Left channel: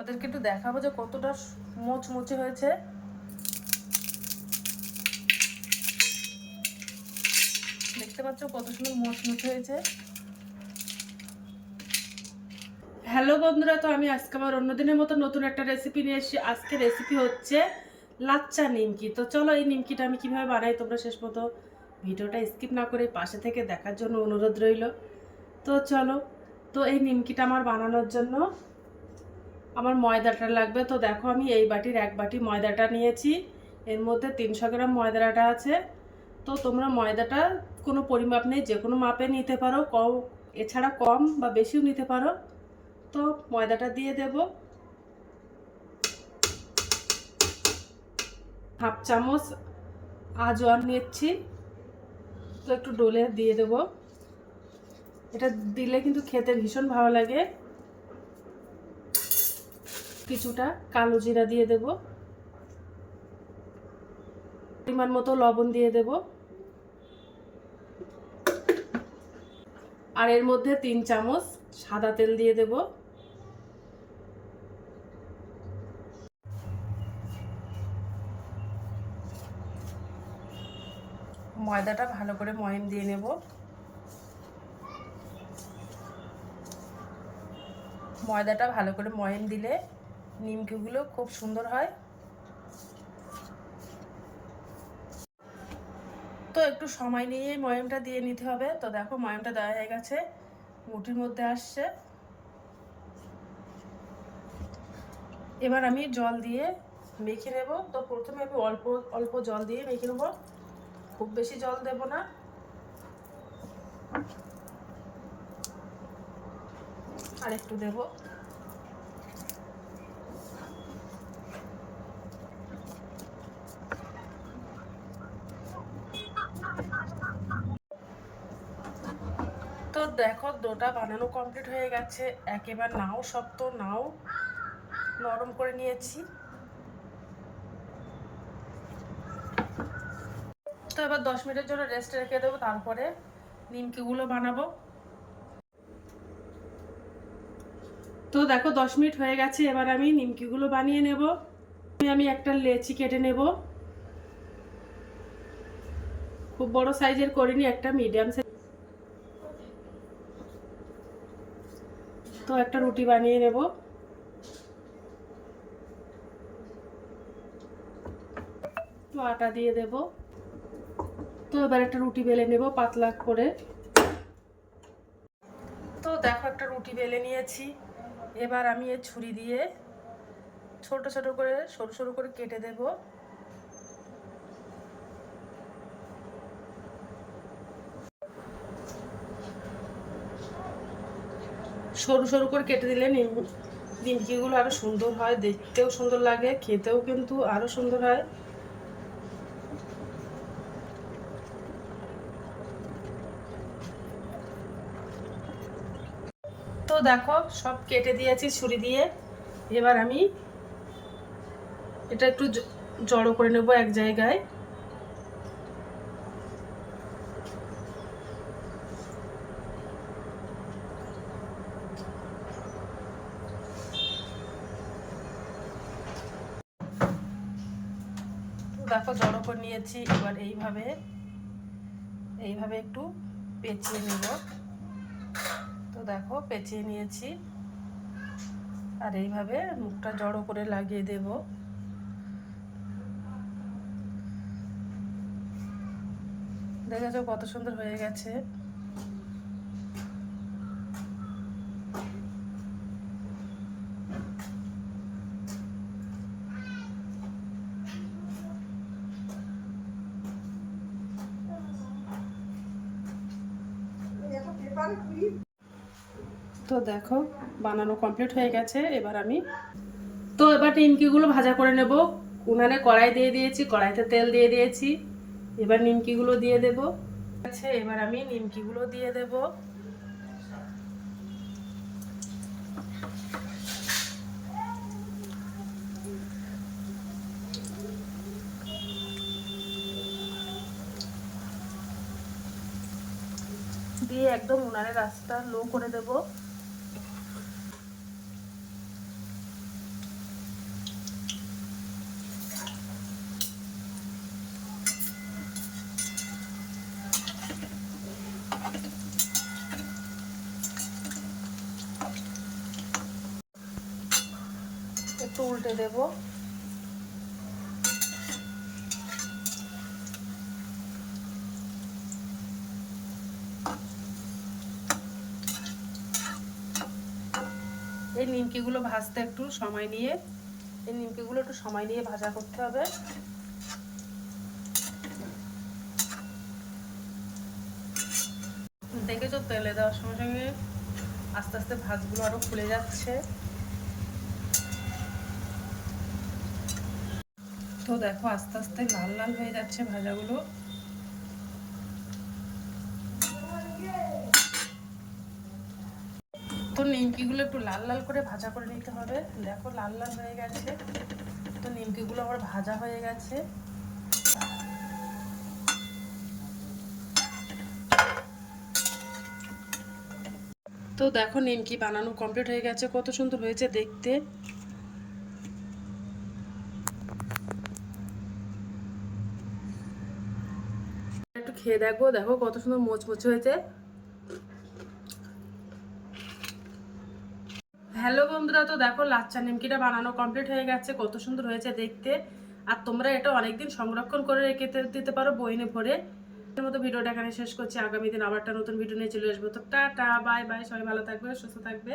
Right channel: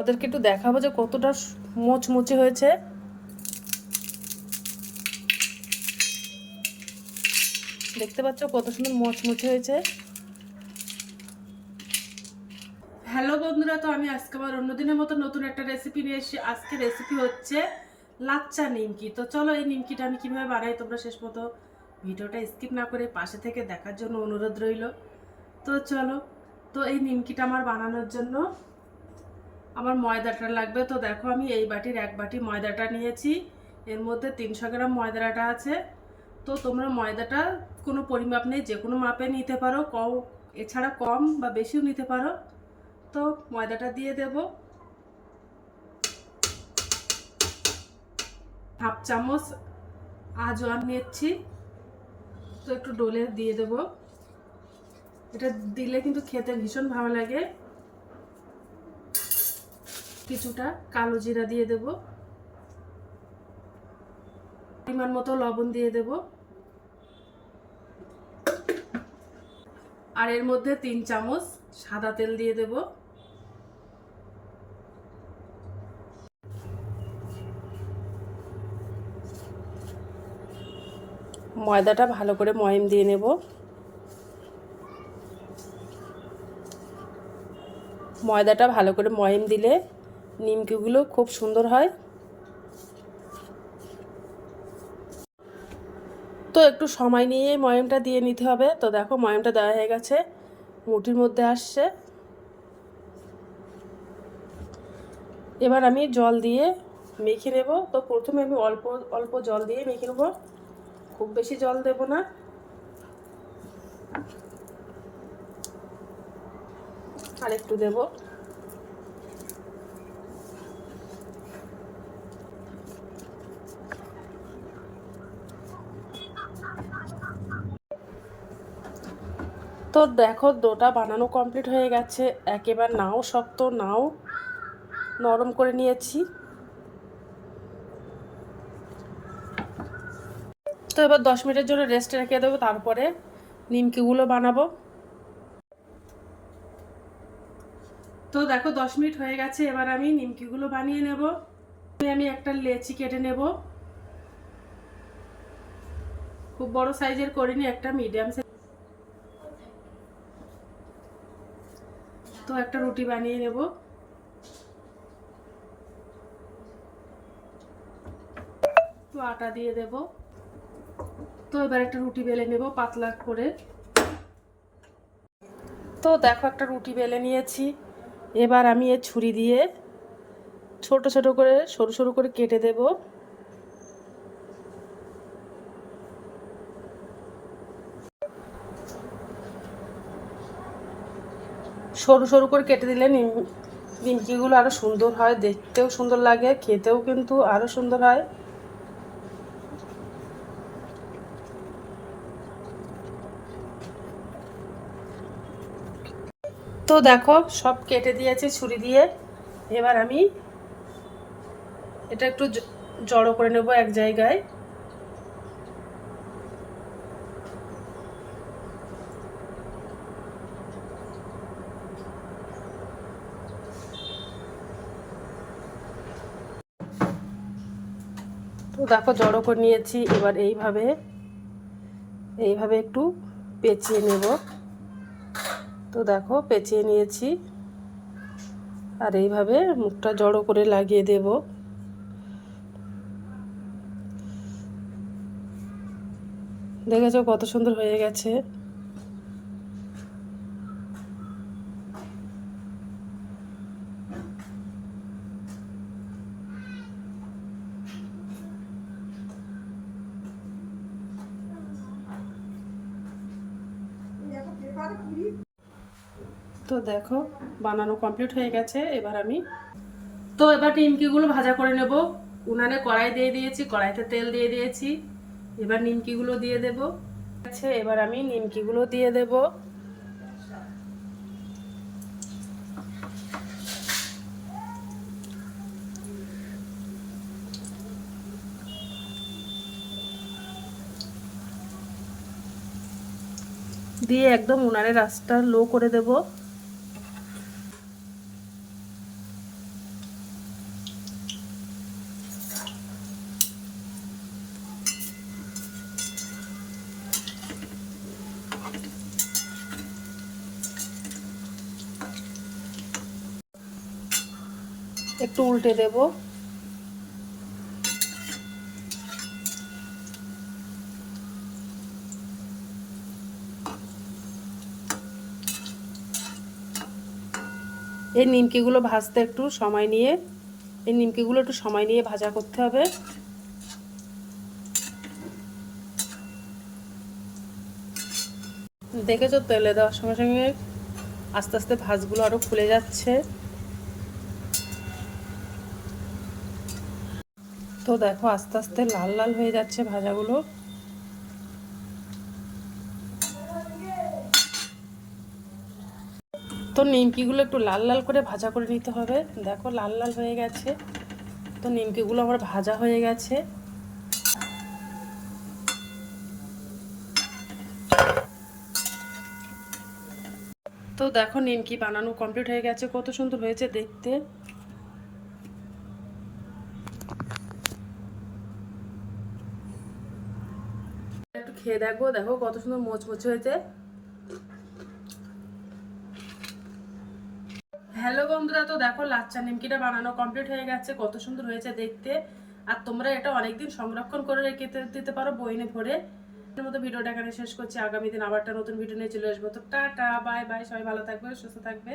ওদেরকে একটু দেখাবো যে কতটা মোচমুচে হয়েছে। দেখতে পাচ্ছ কত সুন্দর মোচমুচে হয়েছে। হ্যালো বন্ধুরা, তো আমি আজকে আবার অন্যদিনের মতো নতুন একটা রেসিপি নিয়ে এসেছি। আজকে রেসিপি হচ্ছে লাচ্চা নিমকি। তো চলো এই নিমকিটা আমি কিভাবে বানাই তোমরা শেষ মতো ভিডিওটা স্কিপ না করে পাশে থেকে দেখার জন্য অনুরোধ রইল। তো চলো, তো এই নিমকিটা আমার বানানোর জন্য আমার ময়দাটা লাগবে। তো দেখো আমি এই বাটির এক বাটি ময়দাটা নিয়েছি, এর মধ্যে 300 গ্রাম ময়দাটা আছে। তো তোমরা ময়দাটা কোনো পরিমাপ নেই, যে কোনো মাপে নিতে পারো, এছাড়া কম বা বেশিও নিতে পারো। তো ময়দাটা দিয়ে দেব, হাফ চামচ আজওয়ান নিচ্ছি। তো একটু ডলে দিয়ে দেব, এটা দিলে কিন্তু খেতে ভীষণ ভালো লাগে। কিছুটা কালো জিরা দিয়ে দেব, পরিমাণ মতো লবণ দিয়ে দেব, আর এর মধ্যে 3 চামচ সাদা তেল দিয়ে দেব। ময়দাটা ভালো করে ময়ম দিয়ে নেব। ময়দাটা ভালো করে ময়ম দিলে নিমকিগুলো খুব সুন্দর হয়। তো একটু সময় নিয়ে ময়মটা দিয়ে নিতে হবে। তো দেখো ময়মটা দেওয়া হয়ে গেছে, মুঠির মধ্যে আসছে। এবার আমি জল দিয়ে মেখে নেব। তো প্রথমে আমি অল্প অল্প জল দিয়ে মেখে নেব, খুব বেশি জল দেব না। আর একটু দেব। তো দেখো ডোটা বানানো কমপ্লিট হয়ে গেছে, একেবারে নাও শক্ত নাও নরম করে নিয়েছি। তো এবার 10 মিনিটের জন্য রেস্টে রেখে দেবো, তারপরে নিমকিগুলো বানাবো। তো দেখো 10 মিনিট হয়ে গেছে, এবার আমি নিমকিগুলো বানিয়ে নেব। আমি একটা লেচি কেটে নেব, খুব বড় সাইজের করিনি, একটা মিডিয়াম সাইজ। তো একটা রুটি বানিয়ে নেব। তো আটা দিয়ে দেব। তো এবার একটা রুটি বেলে নেব পাতলা করে। তো দেখো একটা রুটি বেলে নিয়েছি, এবার আমি এই ছুরি দিয়ে ছোট ছোট করে সরু সরু করে কেটে দেব। সরু সরু করে কেটে দিলে নিমকিগুলো আরো সুন্দর হয়, দেখতেও সুন্দর লাগে, খেতেও কিন্তু আরো সুন্দর হয়। তো দেখো সব কেটে দিয়েছি ছুরি দিয়ে। এবার আমি এটা একটু জড়ো করে নেব এক জায়গায়। তো দেখো জড়ো করে নিয়েছি, এবার এইভাবে এইভাবে একটু পেঁচিয়ে নেব। তো দেখো পেঁচিয়ে নিয়েছি, আর এইভাবে মুখটা জড়ো করে লাগিয়ে দেব। দেখেছো কত সুন্দর হয়ে গেছে। তো দেখো বানানো কমপ্লিট হয়ে গেছে। এবার নিমকিগুলো ভাজা করে নেব। উনানে কড়াই দিয়ে দিয়েছি, কড়াইতে তেল দিয়ে দিয়েছি। এবার নিমকিগুলো দিয়ে দেব। আচ্ছা, এবার আমি নিমকিগুলো দিয়ে দেব। দিয়ে একদম উনানের আঁচটা লো করে দেব। একটু উল্টে দেব। এই নিমকিগুলো ভাজতে একটু সময় নিয়ে ভাজা করতে হবে। দেখেছো তেলে দেওয়ার সঙ্গে সঙ্গে আস্তে আস্তে ভাজগুলো আরো ফুলে যাচ্ছে। তো দেখো আস্তে আস্তে লাল লাল হয়ে যাচ্ছে ভাজাগুলো। তো নিমকিগুলো একটু লাল লাল করে ভাজা করে নিতে হবে। দেখো লাল লাল হয়ে গেছে। তো নিমকিগুলো আমার ভাজা হয়ে গেছে। তো দেখো নিমকি বানানো কমপ্লিট হয়ে গেছে, কত সুন্দর হয়েছে দেখতে। একটু খেয়ে দেখো, দেখো কত সুন্দর মোচমোচে হয়েছে। হ্যালো বন্ধুরা, তো দেখো লাচ্চা নিমকিটা বানানো কমপ্লিট হয়ে গেছে, কত সুন্দর হয়েছে দেখতে। আর তোমরা এটা অনেকদিন সংরক্ষণ করে রেখে দিতে পারো বইনে ভরে। এর মতো ভিডিওটা এখানে শেষ করছি। আগামী দিন আবার একটা নতুন ভিডিও নিয়ে চলে আসবো। তো টাটা, বাই বাই, সবাই ভালো থাকবে, সুস্থ থাকবে।